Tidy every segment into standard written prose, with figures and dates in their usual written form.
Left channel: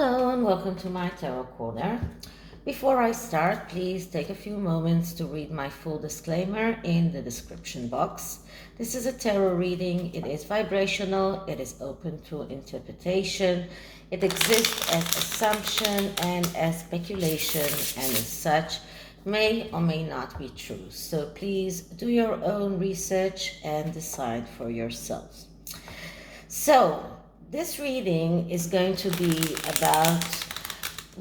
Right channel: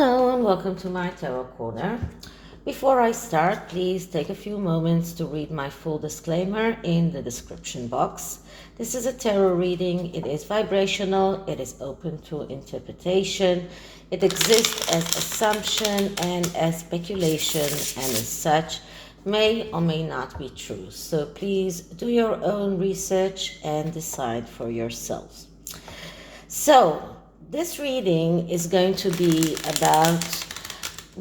Hello and welcome to my Tarot Corner. Before I start, please take a few moments to read my full disclaimer in the description box. This is a tarot reading. It is vibrational. It is open to interpretation. It exists as assumption and as speculation, and as such may or may not be true. So please do your own research and decide for yourselves. So this reading is going to be about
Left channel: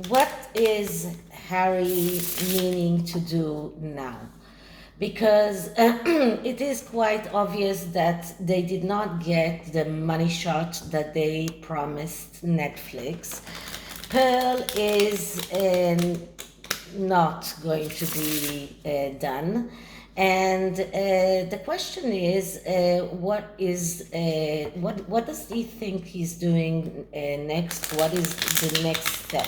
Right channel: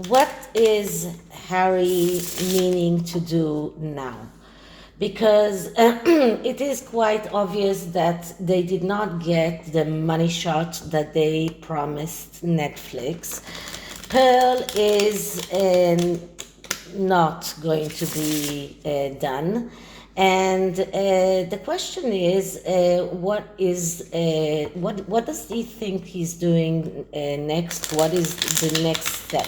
what is Harry meaning to do now, because it is quite obvious that they did not get the money shot that they promised Netflix. Pearl is not going to be done. And the question is, what does he think he's doing next? What is the next step?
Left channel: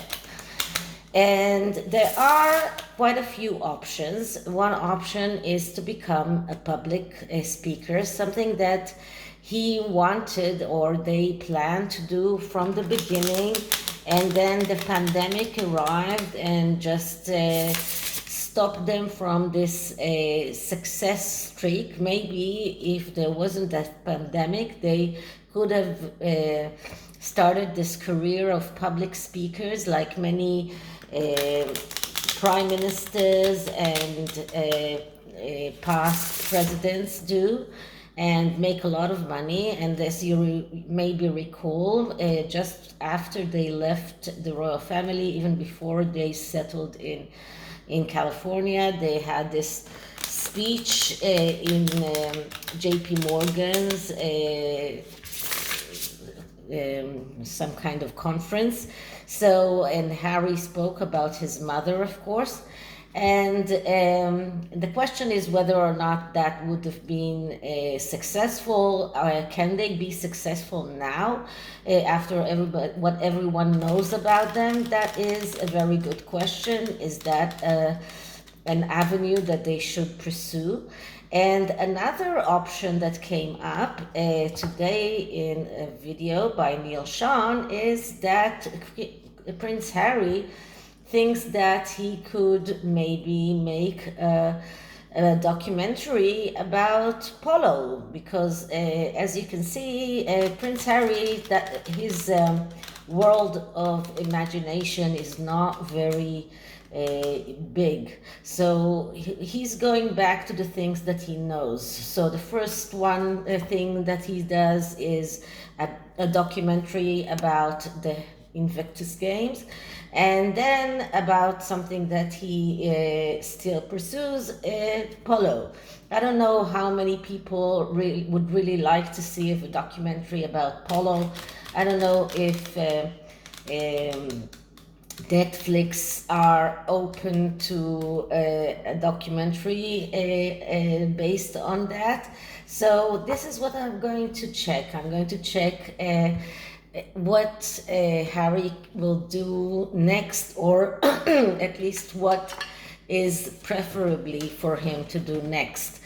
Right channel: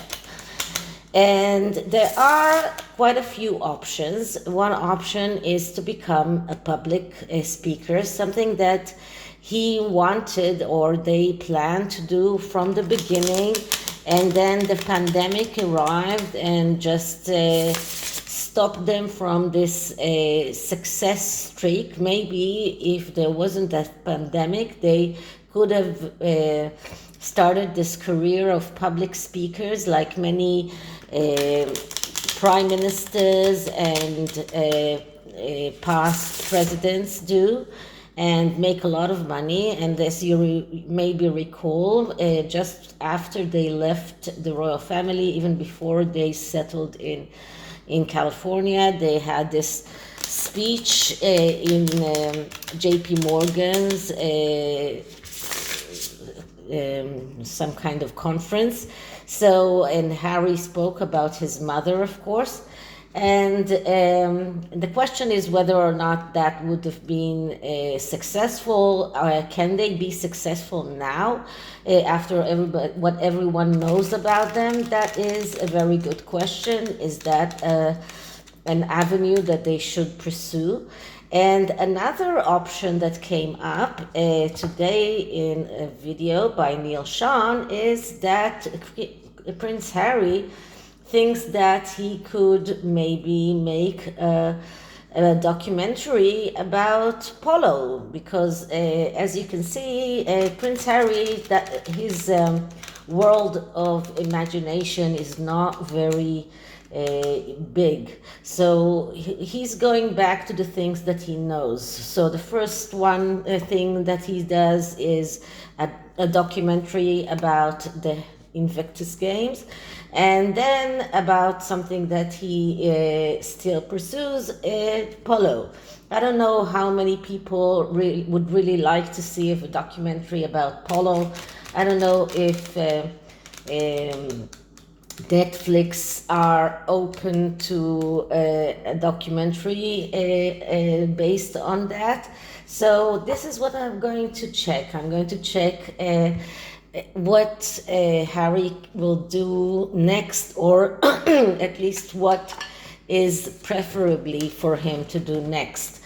And there are quite a few options. One option is to become a public speaker, something that he wanted or they planned to do from the beginning. And then the pandemic arrived and just stop them from this success streak. Maybe if there wasn't that pandemic, they could have started this career of public speakers like many prime ministers and past presidents do, and make a lot of money. And as you maybe recall, just after they left the royal family, even before they settled in California, they had this speech in JP Morgan's some kind of conference. So, and Harry spoke about his mother, of course. And the question is whether or not that would have been successful. Can they be successful now after what everyone knows about them? That is a very good question. Is that an avenue that they should pursue? And another option that came up today in a video by Neil Sean is that Prince Harry thinks that he could maybe make a documentary about Polo, because as you can see, Prince Harry, that his world of imagination is not very big. So he's going back to the things that he knows. So the first one thing that he does is a documentary about the Invictus Games, and then about something that he still pursues, Polo. I don't know how many people would really like to see a documentary about Polo. I don't know if Netflix are open to a documentary based on that. So this is what I'm going to check. I'm going to check what Harry will do next, or at least what is preferably for him to do next.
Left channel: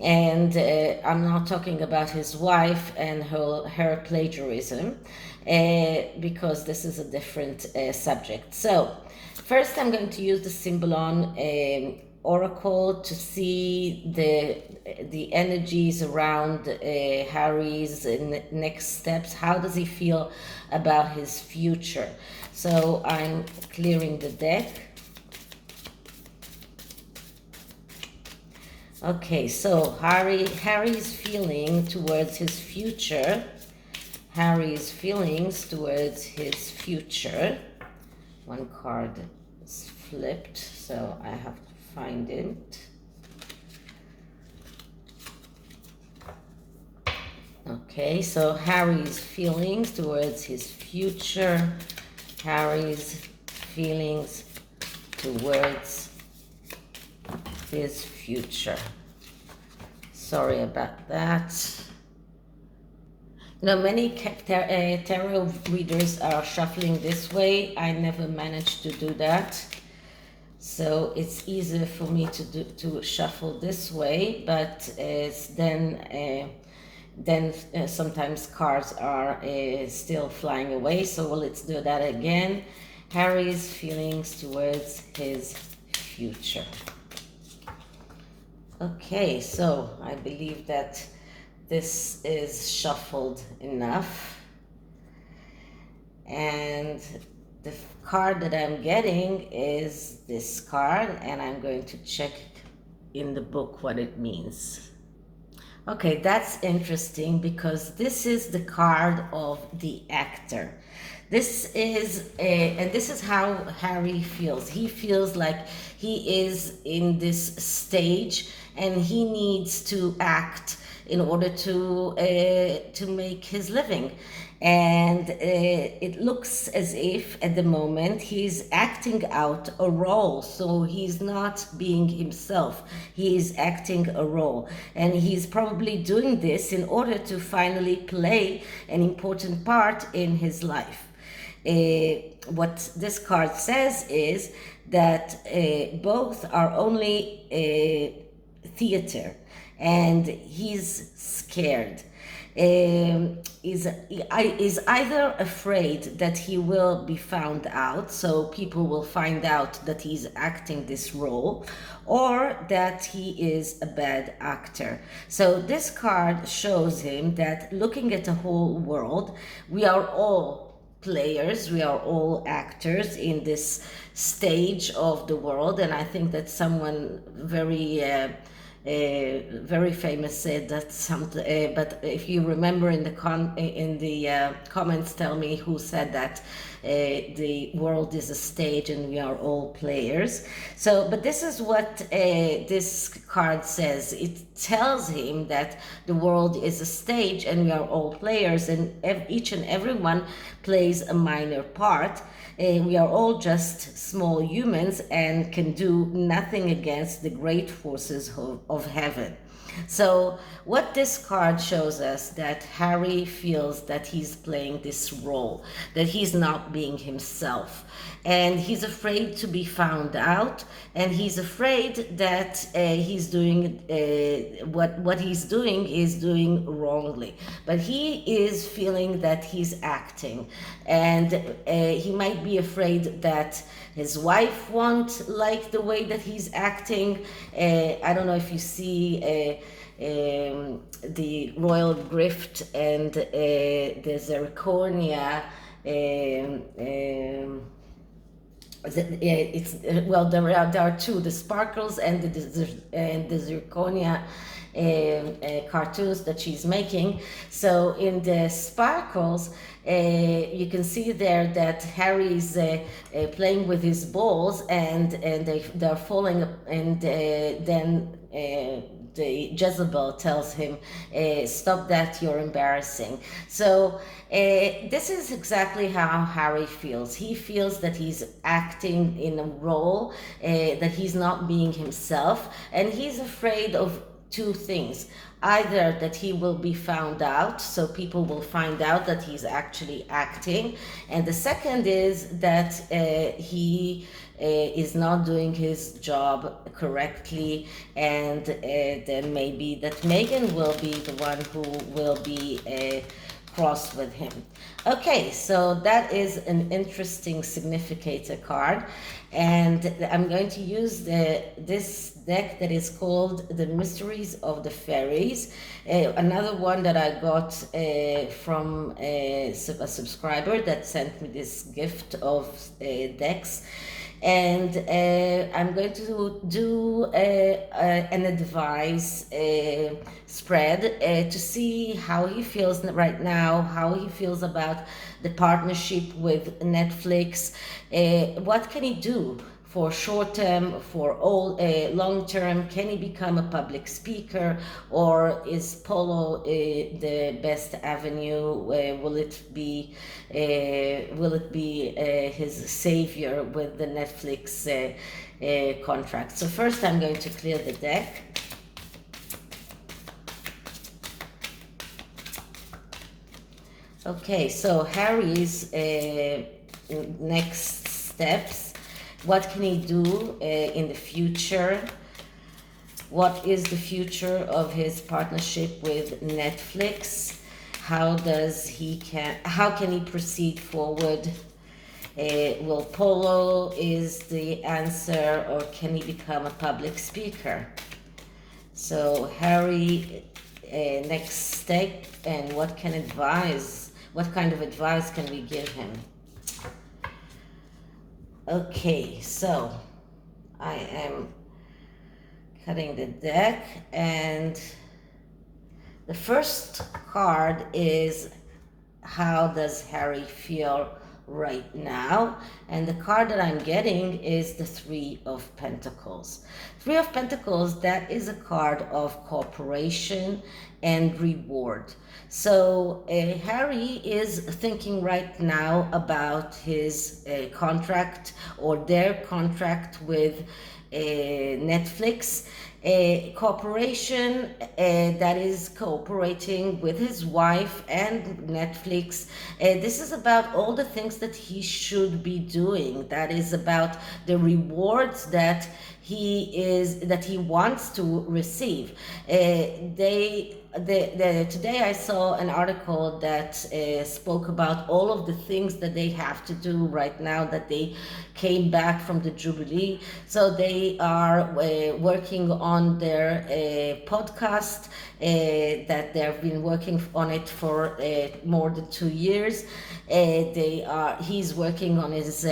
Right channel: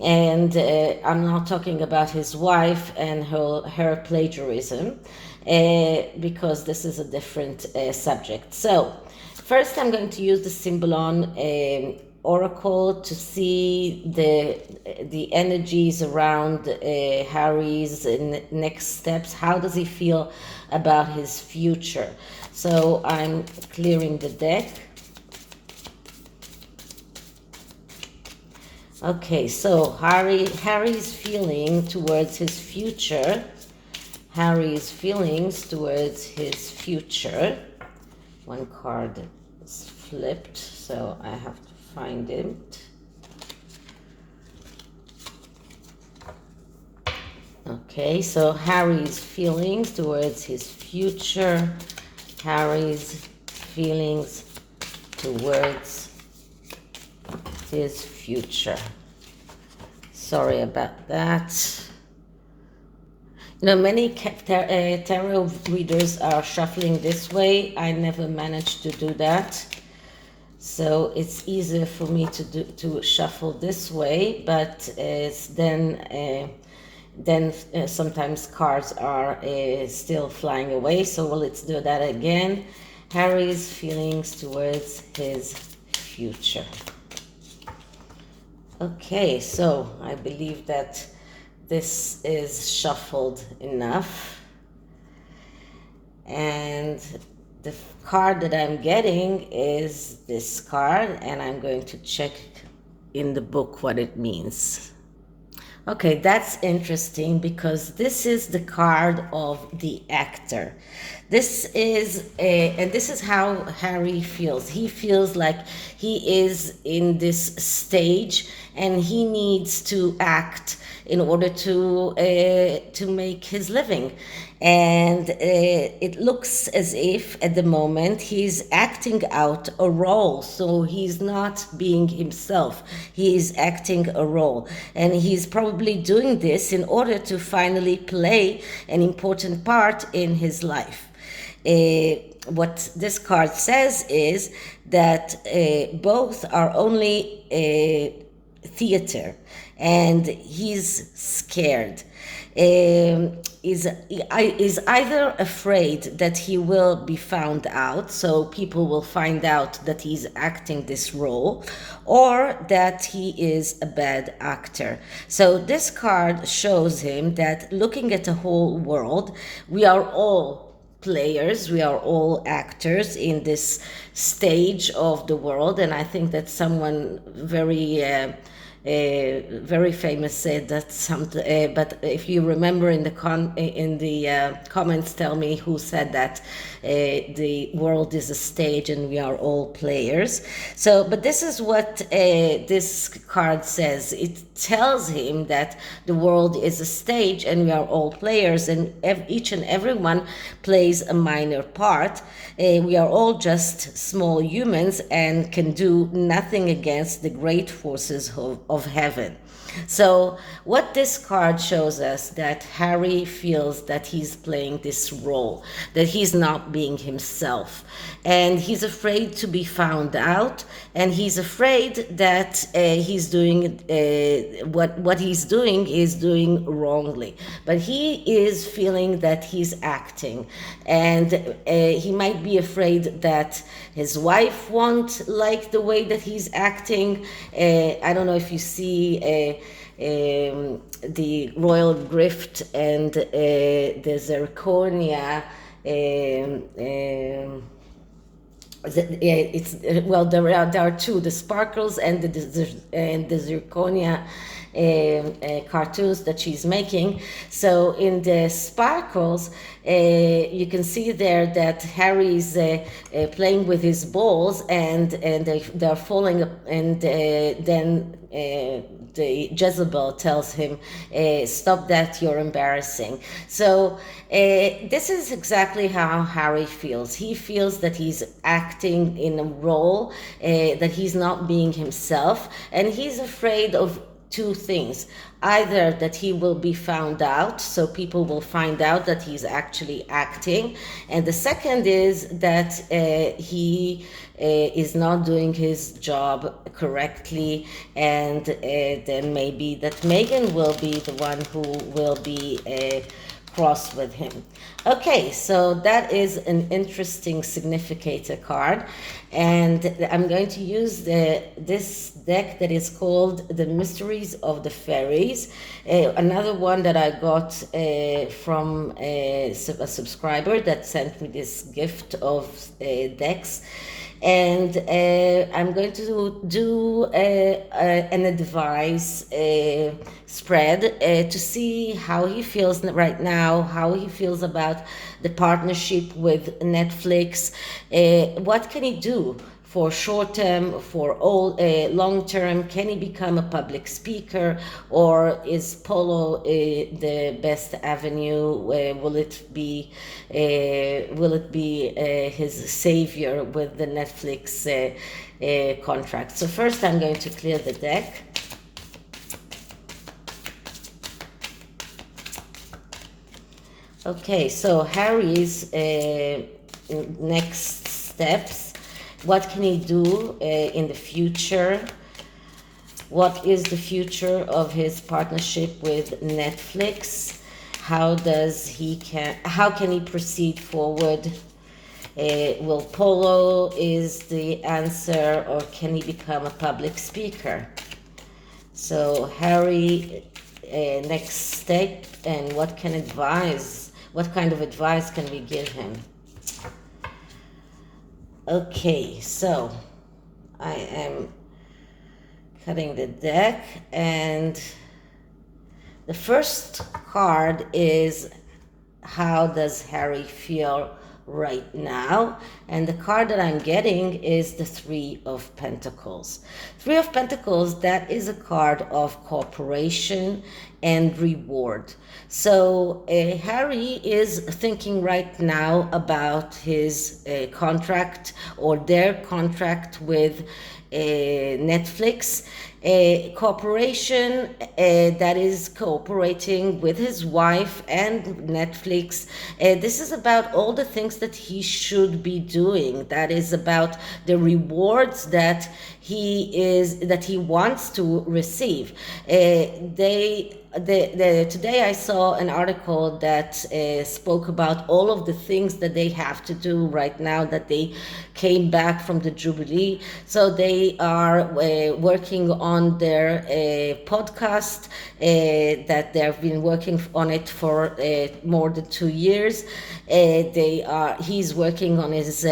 And I'm not talking about his wife and her plagiarism, because this is a different subject. So first I'm going to use the SYMBOLON oracle to see the energies around Harry's next steps. How does he feel about his future? So I'm clearing the deck. Okay, so Harry's feeling towards his future. Harry's feelings towards his future. One card is flipped, so I have to find it. Okay, so Harry's feelings towards his future. Harry's feelings towards his future. Sorry about that. You know, many tarot readers are shuffling this way. I never managed to do that. So it's easier for me to shuffle this way, but then then sometimes cards are still flying away. So let's do that again. Harry's feelings towards his future. Okay, so I believe that this is shuffled enough. And the card that I'm getting is this card, and I'm going to check in the book what it means. Okay, that's interesting because this is the card of the actor. This is and this is how Harry feels. He feels like he is in this stage and he needs to act in order to make his living. And it looks as if at the moment he's acting out a role. So he's not being himself. He is acting a role. And he's probably doing this in order to finally play an important part in his life. What this card says is that both are only theater, and he's scared. Is either afraid that he will be found out, so people will find out that he's acting this role, or that he is a bad actor. So this card shows him that looking at the whole world, we are all players, we are all actors in this stage of the world. And I think that someone very famous said that but if you remember in the comments, tell me who said that the world is a stage and we are all players. So, but this is what this card says. It tells him that the world is a stage and we are all players, and each and everyone plays a minor part. We are all just small humans and can do nothing against the great forces of heaven. So what this card shows us, that Harry feels that he's playing this role, that he's not being himself, and he's afraid to be found out, and he's afraid that he's doing what he's doing is doing wrongly. But he is feeling that he's acting, and he might be afraid that his wife won't like the way that he's acting. I don't know if you see the royal grift and the zirconia. There are two: the sparkles and the zirconia cartoons that she's making. So in the sparkles, you can see there that Harry's playing with his balls, and they're falling, and then the Jezebel tells him, stop that, you're embarrassing. So this is exactly how Harry feels. He feels that he's acting in a role, that he's not being himself, and he's afraid of two things: either that he will be found out, so people will find out that he's actually acting, and the second is that he is not doing his job correctly, and then maybe that Meghan will be the one who will be cross with him. Okay, so that is an interesting significator card, and I'm going to use this deck that is called The Mysteries of the Fairies, another one that I got from a subscriber that sent me this gift of decks. And I'm going to do an advice spread to see how he feels right now, how he feels about the partnership with Netflix. What can he do for short term, for all long term? Can he become a public speaker, or is Polo the best avenue? Will it be his savior with the Netflix contract? So first, I'm going to clear the deck. Okay, so Harry's next steps. What can he do in the future? What is the future of his partnership with Netflix? How can he proceed forward? Will Polo is the answer, or can he become a public speaker? So Harry, next step, and what kind of advice can we give him? Okay, so I am cutting the deck, and the first card is, how does Harry feel right now? And the card that I'm getting is the Three of Pentacles. Three of Pentacles, that is a card of cooperation and reward. So Harry is thinking right now about his contract, or their contract with Netflix. Cooperation, that is cooperating with his wife and Netflix. This is about all the things that he should be doing. That is about the rewards that he wants to receive. Today I saw an article that spoke about all of the things that they have to do right now that they came back from the Jubilee. So they are working on their podcast, that they've been working on it for more than 2 years. He's working on his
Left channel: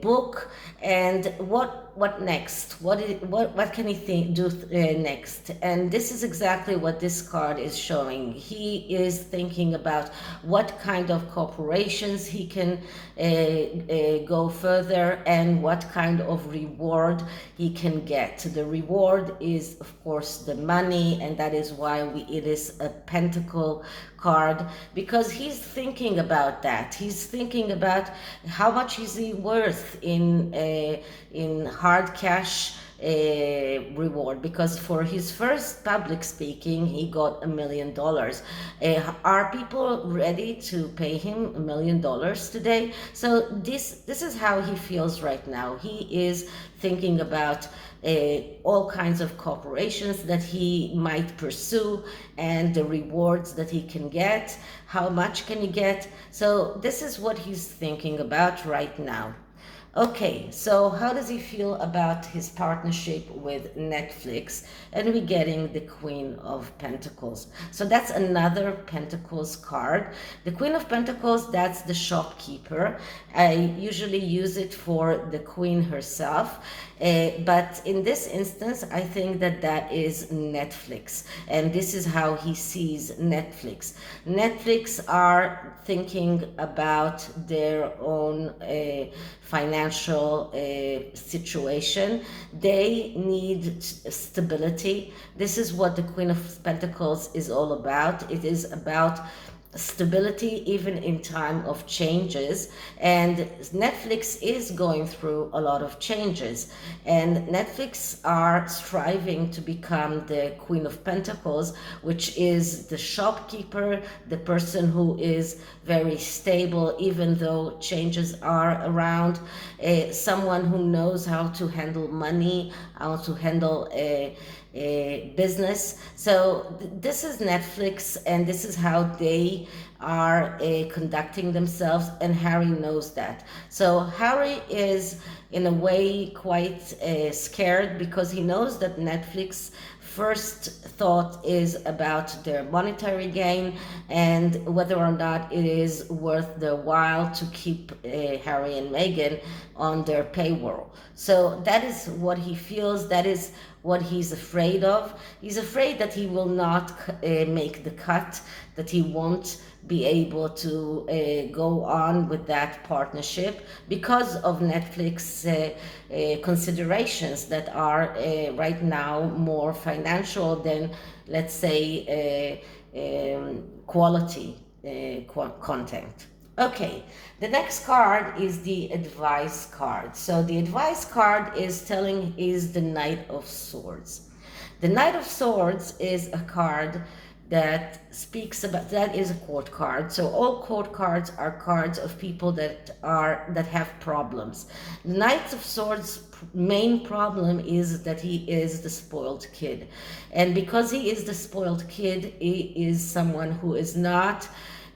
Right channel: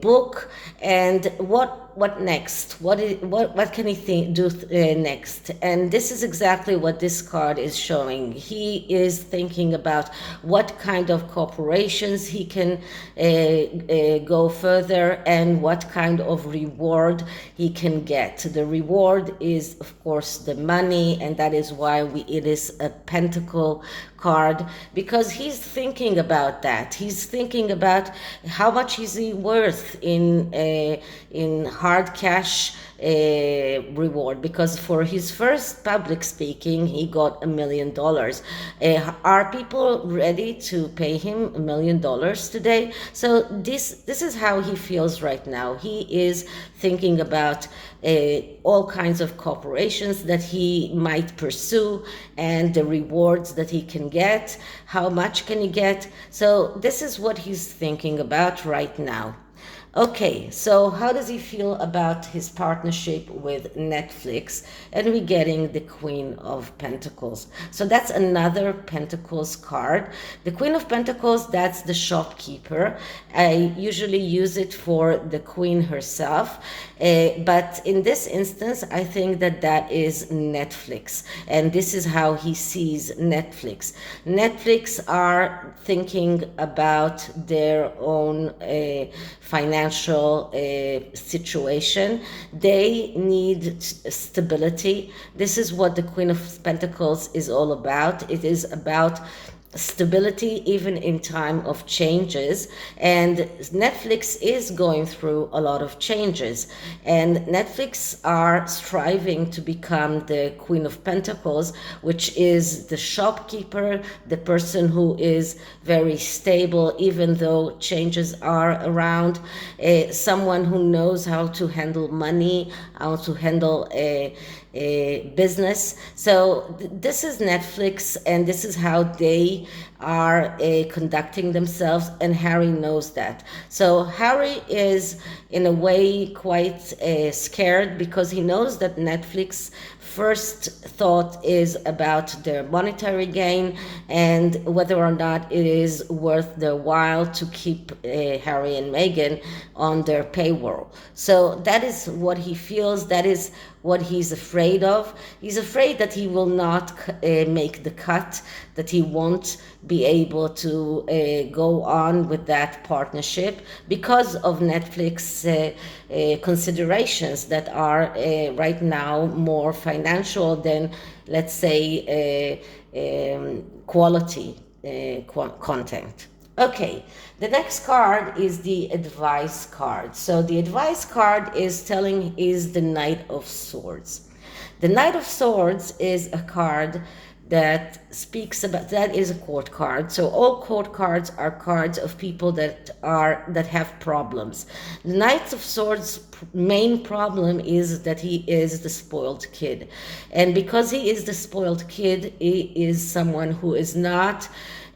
book, and what next? What can he do next? And this is exactly what this card is showing. He is thinking about what kind of corporations he can go further, and what kind of reward he can get. The reward is, of course, the money, and that is why it is a pentacle card, because he's thinking about that. He's thinking about how much is he worth in hard cash reward, because for his first public speaking he got $1 million. Are people ready to pay him $1 million today? So this is how he feels right now. He is thinking about all kinds of corporations that he might pursue, and the rewards that he can get. How much can he get? So this is what he's thinking about right now. Okay, so how does he feel about his partnership with Netflix? And we're getting the Queen of Pentacles. So that's another Pentacles card. The Queen of Pentacles, that's the shopkeeper. I usually use it for the Queen herself. But in this instance, I think that is Netflix. And this is how he sees Netflix. Netflix are thinking about their own financial situation. They need stability. This is what the Queen of Pentacles is all about. It is about stability even in time of changes, and Netflix is going through a lot of changes, and Netflix are striving to become the Queen of Pentacles, which is the shopkeeper, the person who is very stable even though changes are around, someone who knows how to handle money, how to handle a business. So this is Netflix, and this is how they are conducting themselves, and Harry knows that. So Harry is in a way quite scared, because he knows that Netflix first thought is about their monetary gain and whether or not it is worth their while to keep Harry and Meghan on their payroll. So that is what he feels. That is what he's afraid of. He's afraid that he will not make the cut, that he won't be able to go on with that partnership because of Netflix considerations that are right now more financial than, let's say, quality content. Okay, the next card is the advice card. So the advice card is the Knight of Swords. The Knight of Swords is a card that speaks about, that is a court card. So all court cards are cards of people that have problems. The Knight of Swords main problem is that he is the spoiled kid, and because he is the spoiled kid, he is someone who is not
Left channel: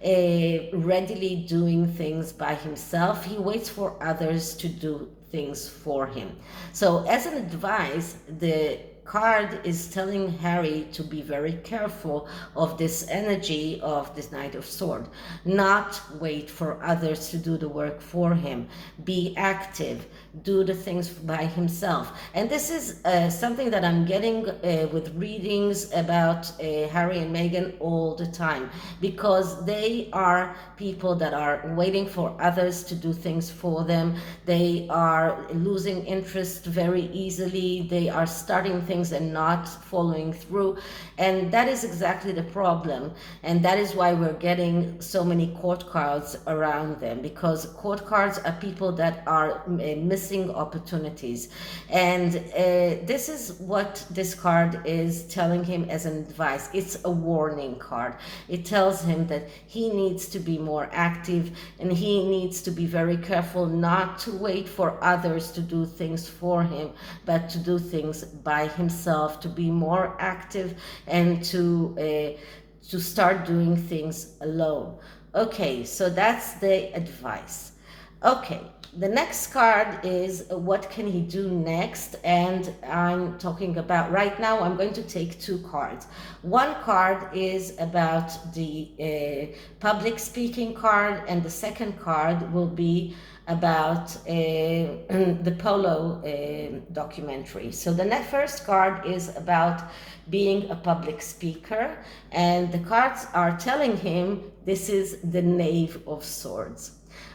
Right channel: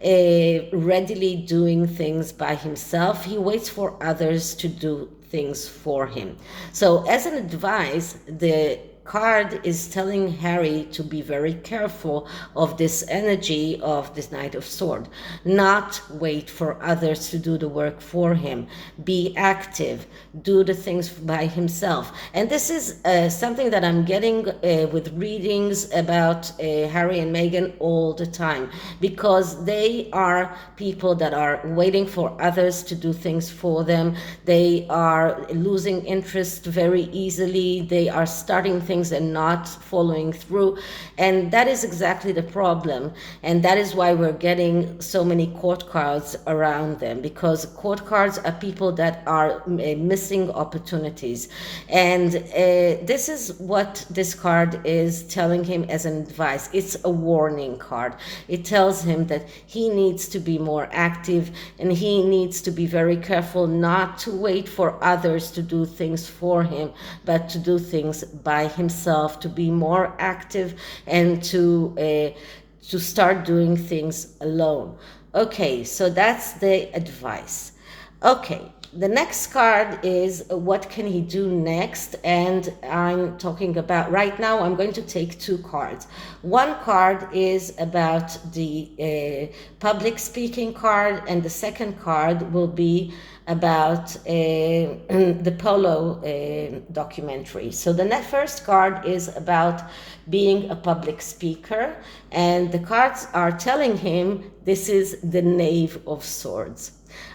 readily doing things by himself. He waits for others to do things for him. So as an advice, the card is telling Harry to be very careful of this energy of this Knight of Swords. Not wait for others to do the work for him. Be active. Do the things by himself. And this is something that I'm getting with readings about Harry and Meghan all the time, because they are people that are waiting for others to do things for them. They are losing interest very easily. They are starting things and not following through, and that is exactly the problem, and that is why we're getting so many court cards around them, because court cards are people that are missing opportunities. And this is what this card is telling him as an advice. It's a warning card. It tells him that he needs to be more active, and he needs to be very careful not to wait for others to do things for him, but to do things by himself, to be more active, and to start doing things alone. Okay, so that's the advice. Okay, the next card is what can he do next, and I'm talking about, right now I'm going to take two cards. One card is about the public speaking card, and the second card will be about the Polo documentary. So the first card is about being a public speaker, and the cards are telling him this is the Knave of Swords.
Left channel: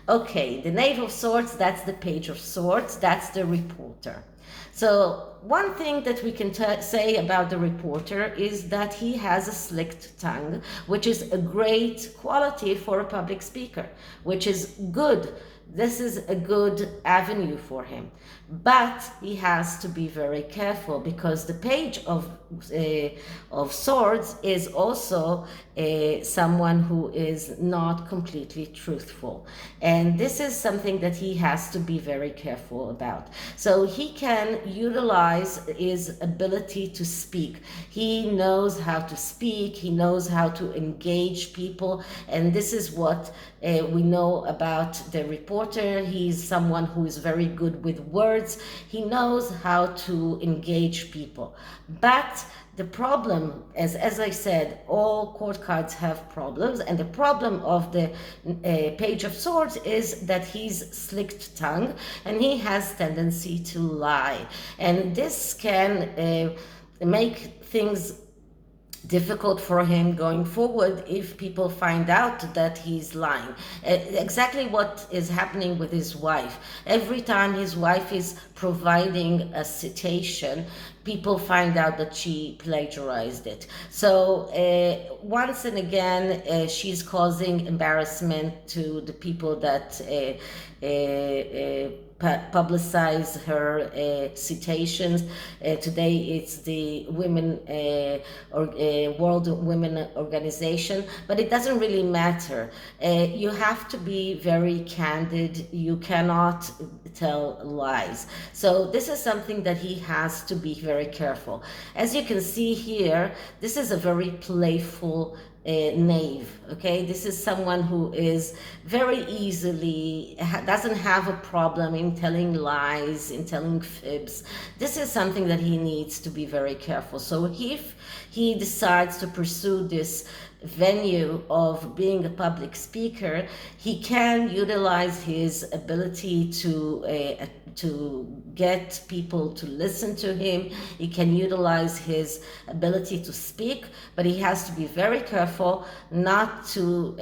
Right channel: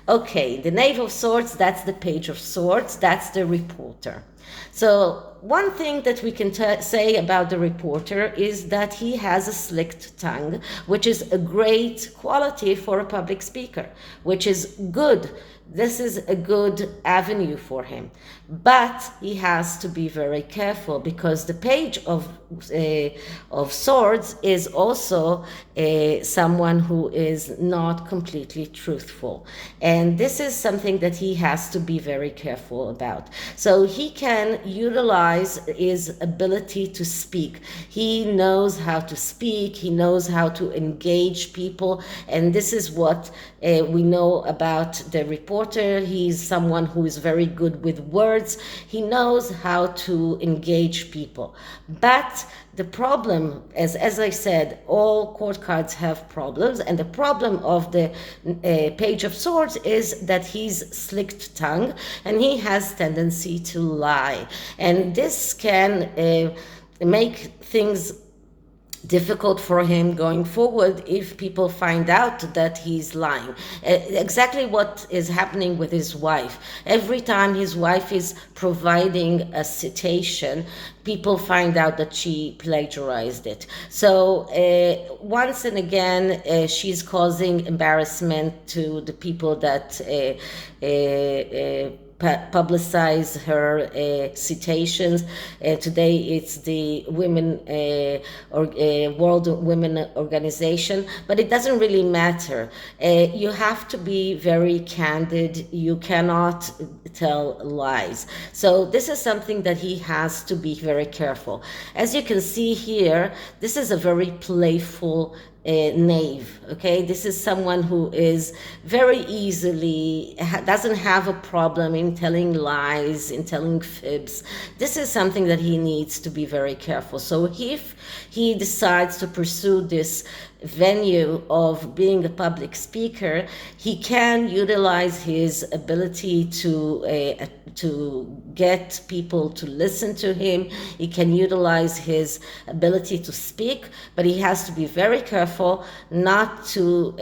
Okay, the Knave of Swords, that's the Page of Swords, that's the reporter. So one thing that we can say about the reporter is that he has a slicked tongue, which is a great quality for a public speaker, which is good. This is a good avenue for him. But he has to be very careful, because the Page of Swords is also someone who is not completely truthful. And this is something that he has to be very careful about. So he can utilize his ability to speak. He knows how to speak. He knows how to engage people. And this is what we know about the reporter. He's someone who is very good with words. He knows how to engage people. But the problem, as I said, all court cards have problems, and the problem of the Page of Swords is that he's slicked tongue, and he has tendency to lie. And this can make things difficult for him going forward if people find out that he's lying. Exactly what is happening with his wife. Every time his wife is providing a citation, people find out that she plagiarized it. So once and again, she's causing embarrassment to the people that publicize her citations. Today it's the World Women Organization, but it doesn't really matter. You have to be very candid. You cannot tell lies. So this is something that he has to be very careful. As you can see here, this is a very playful knave. Okay, this is someone who is very easily doesn't have a problem in telling lies, in telling fibs. This is something that he needs to be very careful. So if he decides to pursue this venue of being a public speaker, he can utilize his ability to get people to listen to him. He can utilize his ability to speak, but he has to be very careful not to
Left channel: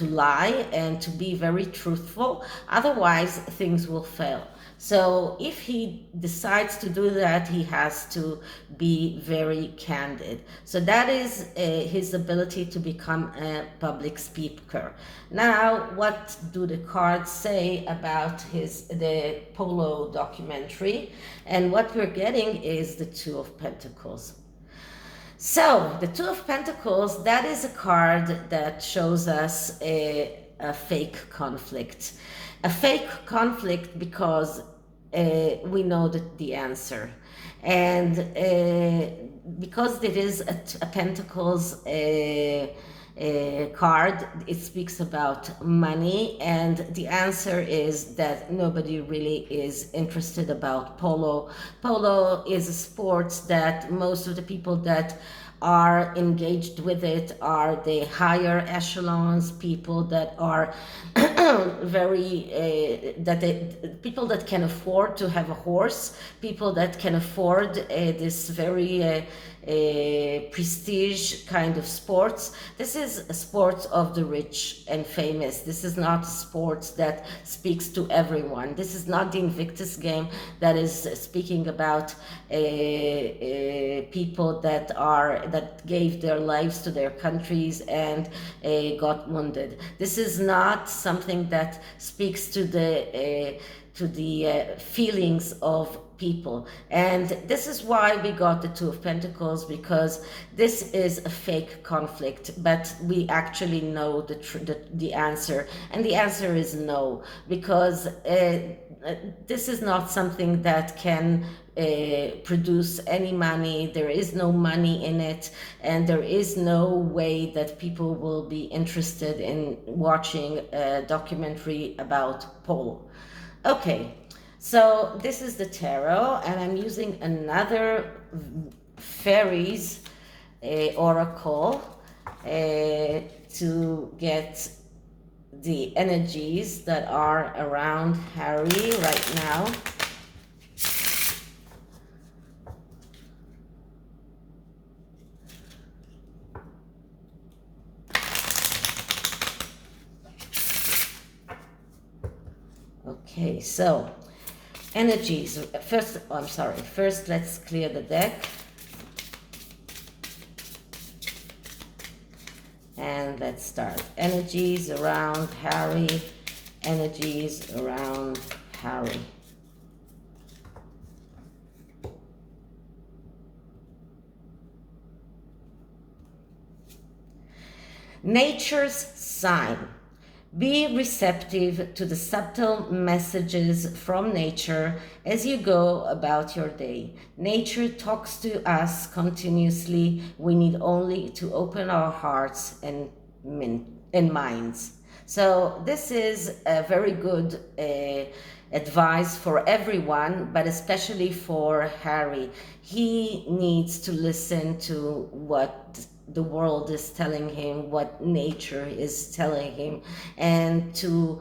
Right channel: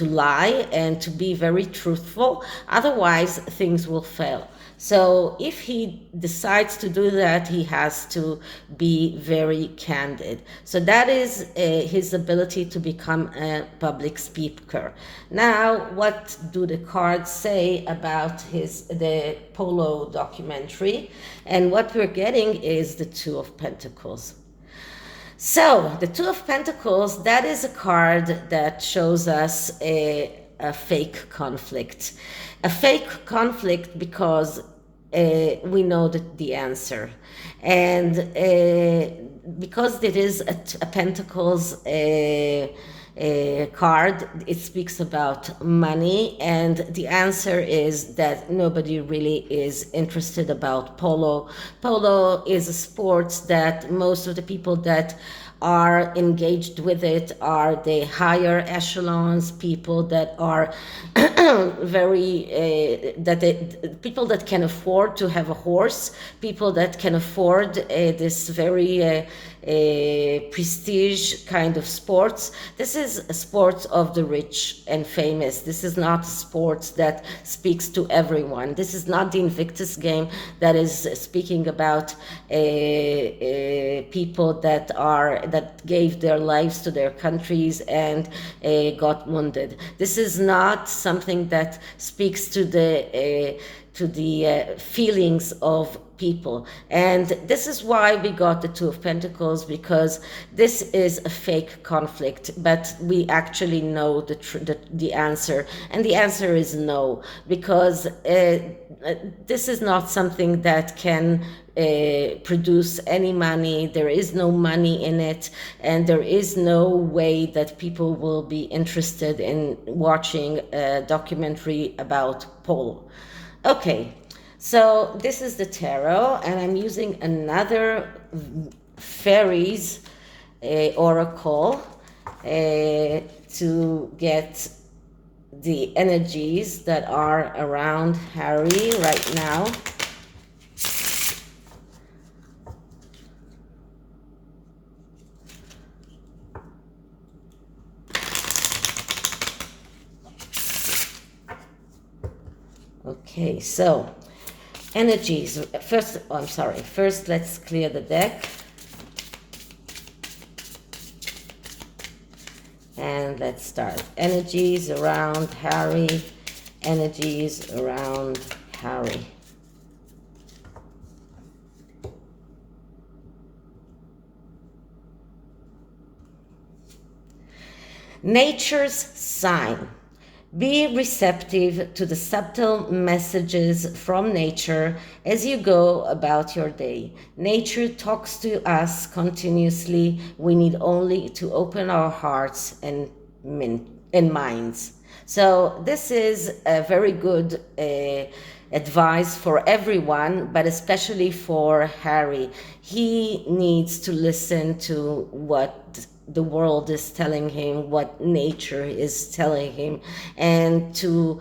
lie and to be very truthful. Otherwise, things will fail. So if he decides to do that, he has to be very candid. So that is his ability to become a public speaker. Now, what do the cards say about the Polo documentary? And what we're getting is the Two of Pentacles. So the Two of Pentacles, that is a card that shows us a fake conflict. A fake conflict because we know that the answer. And because it is a Pentacles card, it speaks about money, and the answer is that nobody really is interested about polo. Polo is a sport that most of the people that are engaged with it are the higher echelons, people that are very people that can afford to have a horse, people that can afford this very prestige kind of sports. This is a sport of the rich and famous. This is not a sport that speaks to everyone. This is not the Invictus game that is speaking about people that gave their lives to their countries and got wounded. This is not something that speaks to the feelings of people. And this is why we got the Two of Pentacles, because this is a fake conflict, but we actually know the answer, and the answer is no, because this is not something that can produce any money. There is no money in it, and there is no way that people will be interested in watching a documentary about polo. Okay, so this is the tarot, and I'm using another fairies oracle to get the energies that are around Harry right now. Okay, so energies. First, let's clear the deck. And let's start. Energies around Harry. Energies around Harry. Nature's sign. Be receptive to the subtle messages from nature as you go about your day. Nature talks to us continuously. We need only to open our hearts and minds. So this is a very good advice for everyone, but especially for Harry. He needs to listen to what the world is telling him, what nature is telling him, and to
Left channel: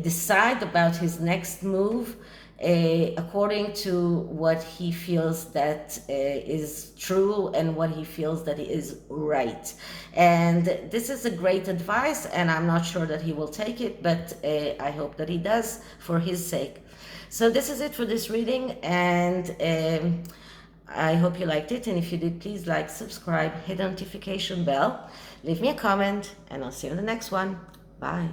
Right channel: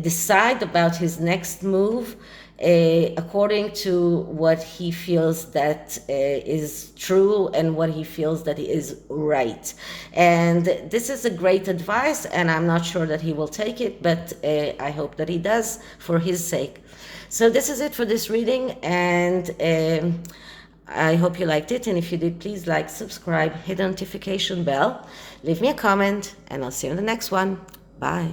decide about his next move according to what he feels that is true and what he feels that is right. And this is a great advice, and I'm not sure that he will take it, but I hope that he does for his sake. So this is it for this reading, and I hope you liked it, and if you did, please like, subscribe, hit the notification bell, leave me a comment, and I'll see you in the next one. Bye.